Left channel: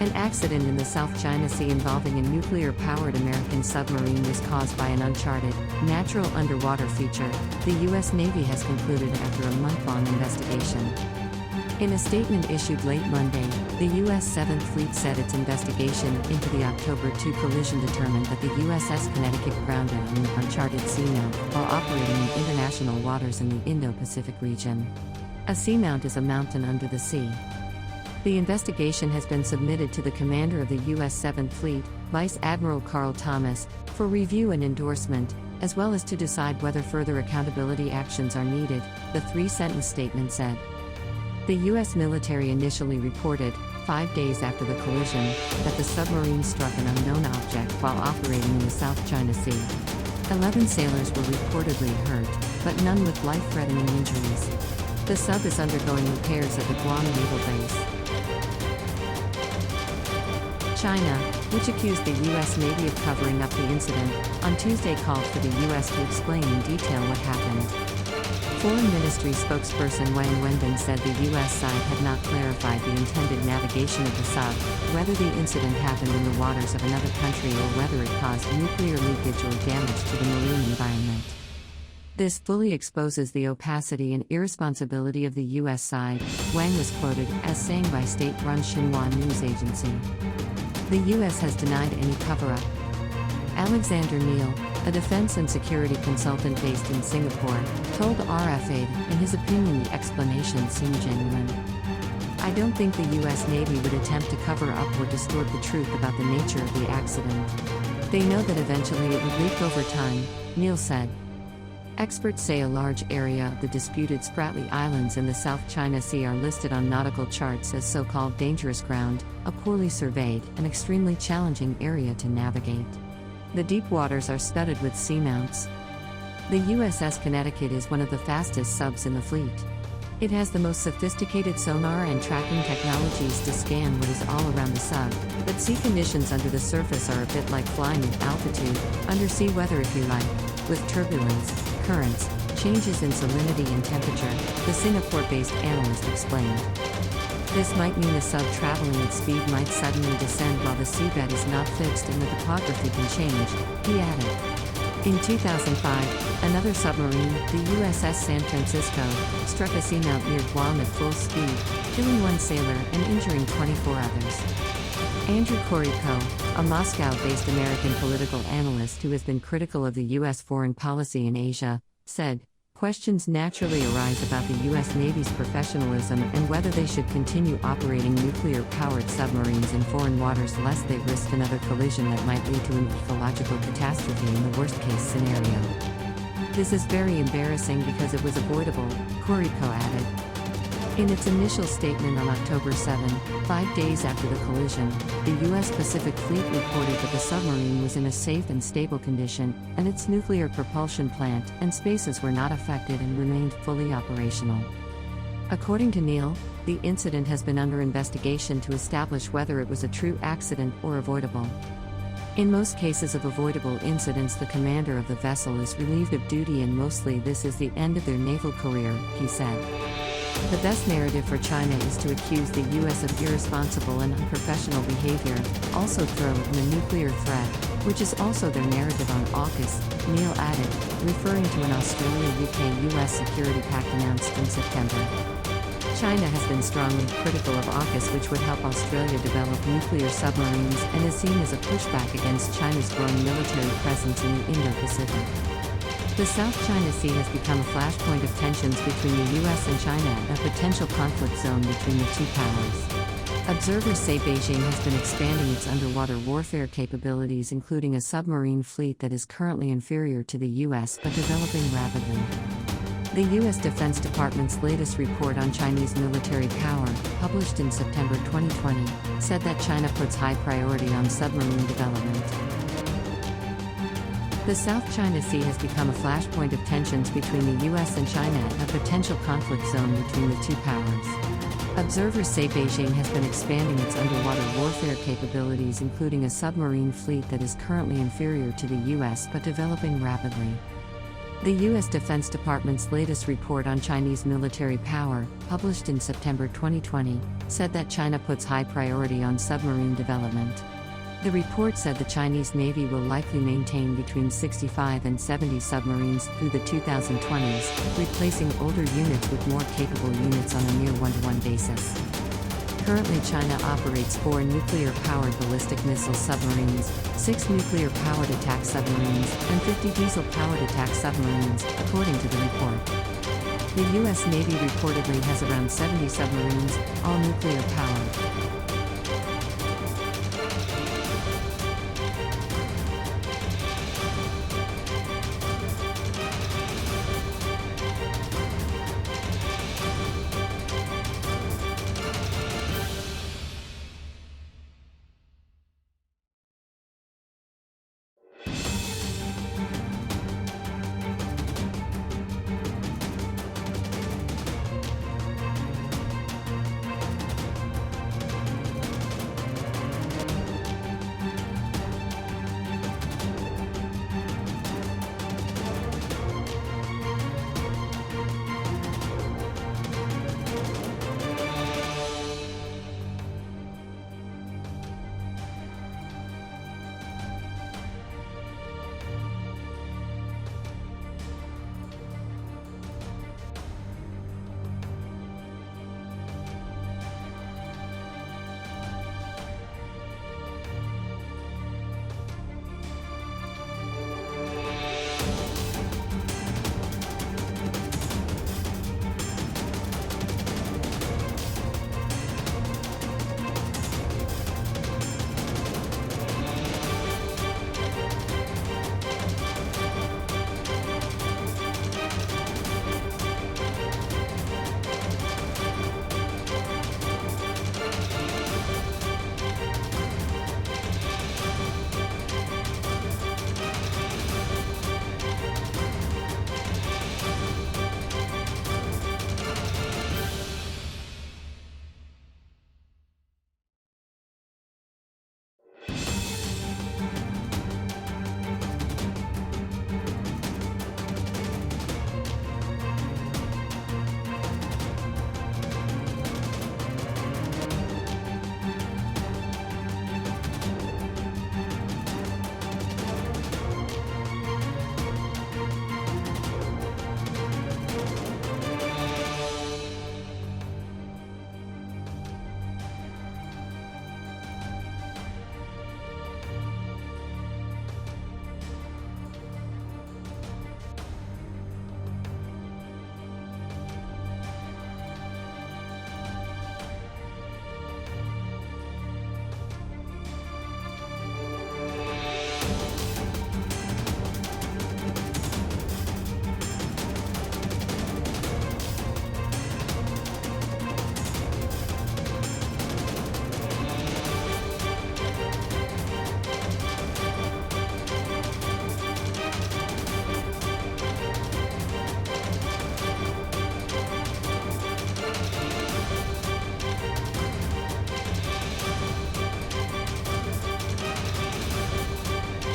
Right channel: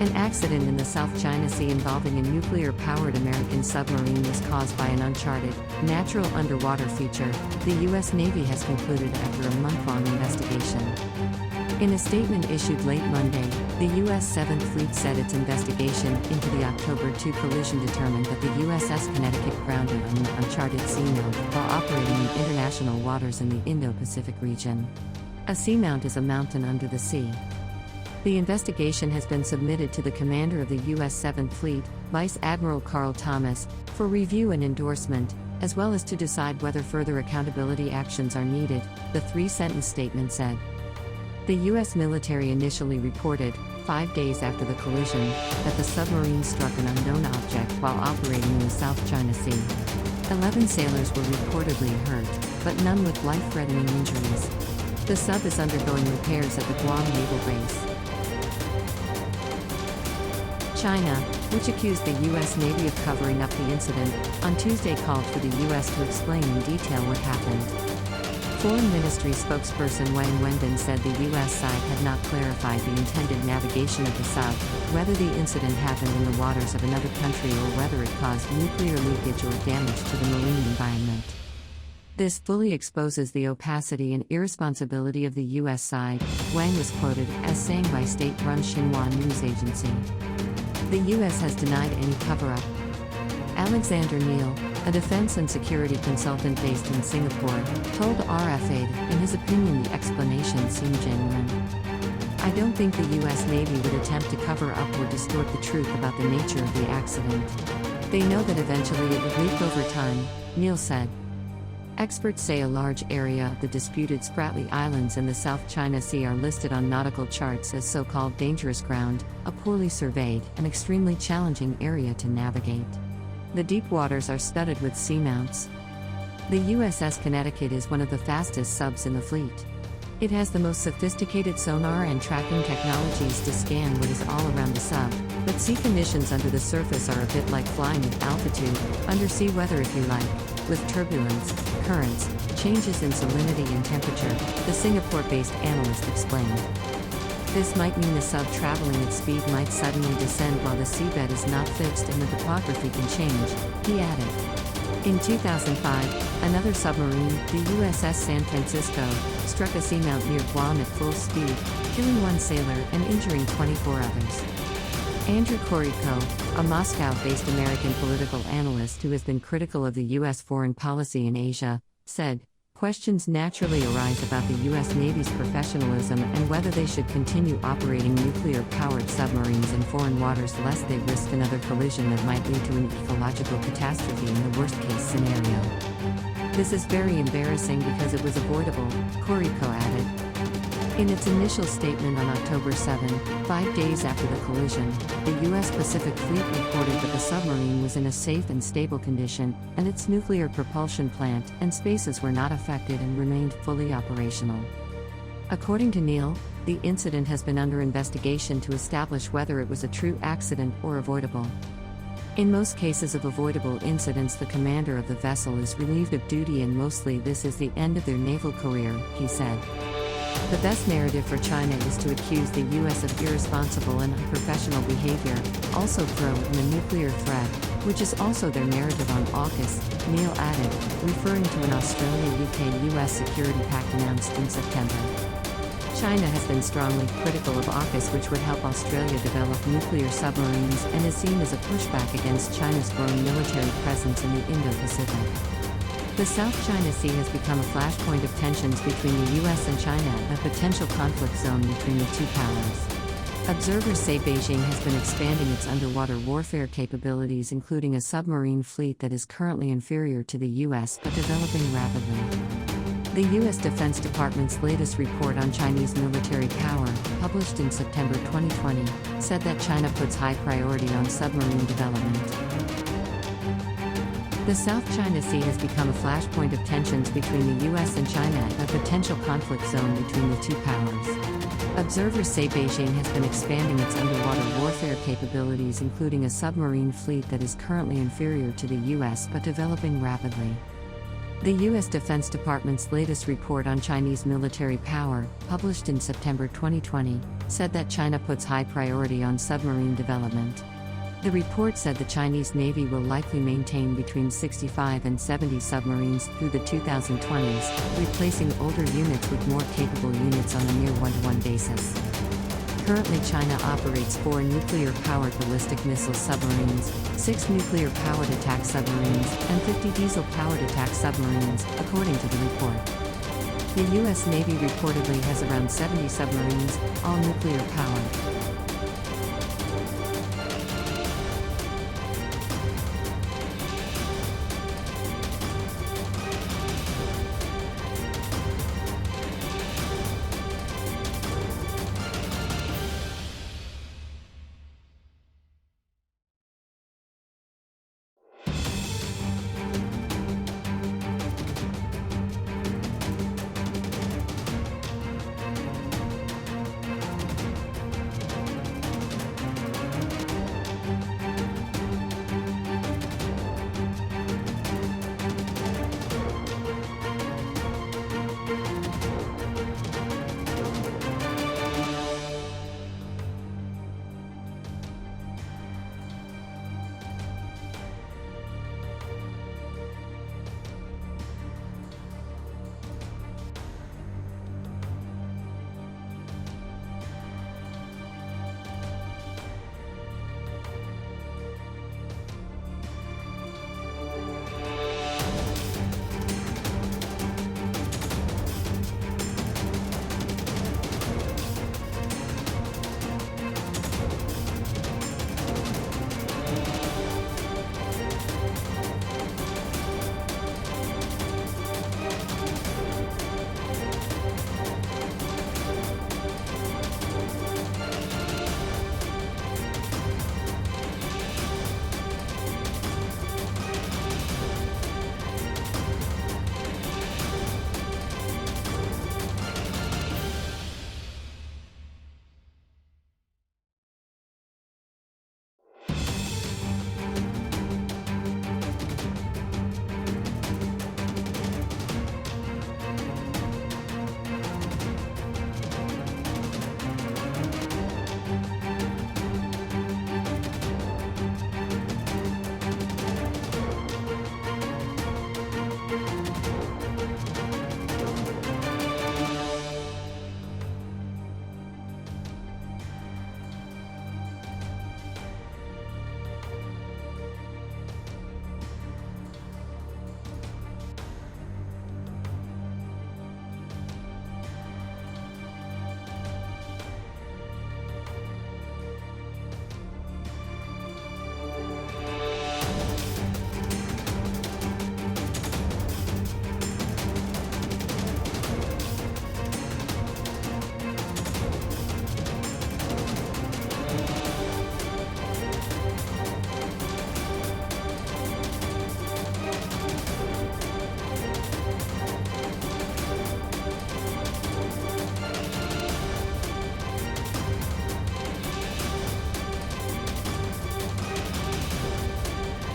An accident in the South China Sea involving a nuclear-powered American submarine was caused by an uncharted, natural underwater feature, the U.S. Navy has concluded after a month-long investigation. In a statement issued late Monday, the U.S. 7th Fleet said its investigation into the October 2 collision determined that the USS Connecticut grounded on an uncharted seamount while operating in international waters in the Indo-Pacific region. A seamount is a mountain under the sea. The investigation has been submitted to the commander of the U.S. 7th Fleet, Vice Admiral Carl Thomas, for review and endorsement, as well as to decide whether further accountability actions are needed, the three-sentence statement said. The U.S. military initially reported, 5 days after the collision, that the submarine struck an unknown object while operating in the South China Sea. 11 sailors were reportedly hurt, but none with life-threatening injuries. The sub is undergoing repairs at the Guam Naval Base. China, which accused the U.S. Navy of covering up the incident, on Tuesday called for the U.S. to explain in detail what happened. Foreign Ministry spokesperson Wang Wenbin said the U.S. side had not clarified the intended navigation of the sub, whether the incident happened in the waters of another country or whether it caused nuclear leakage or damage to the marine environment. This fully exposes the opacity and irresponsibility of the U.S. side, Wang was quoted as saying by state-run Xinhua news agency. The U.S. has denied any cover-up. Alexander Neal, a defense and security consultant based in Singapore, told RFA that, in his opinion, the explanation seemed genuine. I don't think the U.S. Navy would attempt to cover up or distort the truth about the nature of the accident. They know that eventually it would leak over time, Neal said. Experts say a large area of the disputed Spratly Islands in the South China Sea are listed on nautical charts as so-called dangerous ground, a poorly surveyed and extremely challenging area to navigate. The deep waters are studded with seamounts. The USS Connecticut is one of the fastest subs in the fleet. It has the most sophisticated sonar and tracking technologies to scan what is all around the sub, but sea conditions under the surface are a bit like flying at altitude, undersea weather if you like, with turbulence, currents, changes in salinity and temperature, the Singapore-based analyst explained. This might mean the sub traveling at speed might suddenly descend while the seabed is not fixed and the topography can change, he added. In 2005, another submarine, the USS San Francisco, struck a seamount near Guam at full speed, killing one sailor and injuring 24 others. Andrew Koriko, a Moscow-based American political analyst who has been critical of the U.S. foreign policy in Asia, said, questions naturally arise about the U.S. Navy's professionalism and whether they should continue operating nuclear-powered submarines in foreign waters lest they risk another collision that might lead to an ecological catastrophe in the worst-case scenario. This is very embarrassing because it was avoidable, Koriko added. In its initial statement on October 7, 5 days after the collision, the U.S. Pacific Fleet reported that the submarine was in a safe and stable condition, and its nuclear propulsion plant and spaces were not affected and remained fully operational. According to Neal, the incident has been under investigation to establish whether it was a true accident or avoidable. In most cases of avoidable incidents, the commander of the vessel is relieved of duty and mostly this is the end of their naval career, he said. The best narrative for China is to accuse the U.S. of irresponsible and unprofessional behavior, also throw in the nuclear threat, which is also their narrative on AUKUS, Neal added, referring to an Australia-UK-US security pact announced in September. China has been strongly critical of AUKUS, which would help Australia develop nuclear submarines and is seen as a pushback against China's growing military presence in the Indo-Pacific. The South China Sea has become a flashpoint of tensions between the U.S. and China and a potential conflict zone between the two powers. Observers say Beijing has been expanding its underwater warfare capabilities, including a submarine fleet that is currently inferior to the U.S. but developing rapidly. The U.S. Defense Department's latest report on Chinese military power, published in September 2020, said that China puts high priority on submarine development. The South China Sea has become a flashpoint of tensions between the U.S. and China and a potential conflict zone between the two powers. Observers say Beijing has been expanding its underwater warfare capabilities, including a submarine fleet that is currently inferior to the U.S. but developing rapidly. The U.S. Defense Department's latest report on Chinese military power, published in September 2020, said that China puts high priority on submarine development. The report said the Chinese Navy will likely maintain between 65 and 70 submarines through the 2020s, replacing older units with more capable units on a near one-to-one basis. Currently, China operates 4 nuclear-powered ballistic missile submarines, 6 nuclear-powered attack submarines, and 50 diesel-powered attack submarines, according to the report. The U.S. Navy reportedly has around 70 submarines, all nuclear-powered.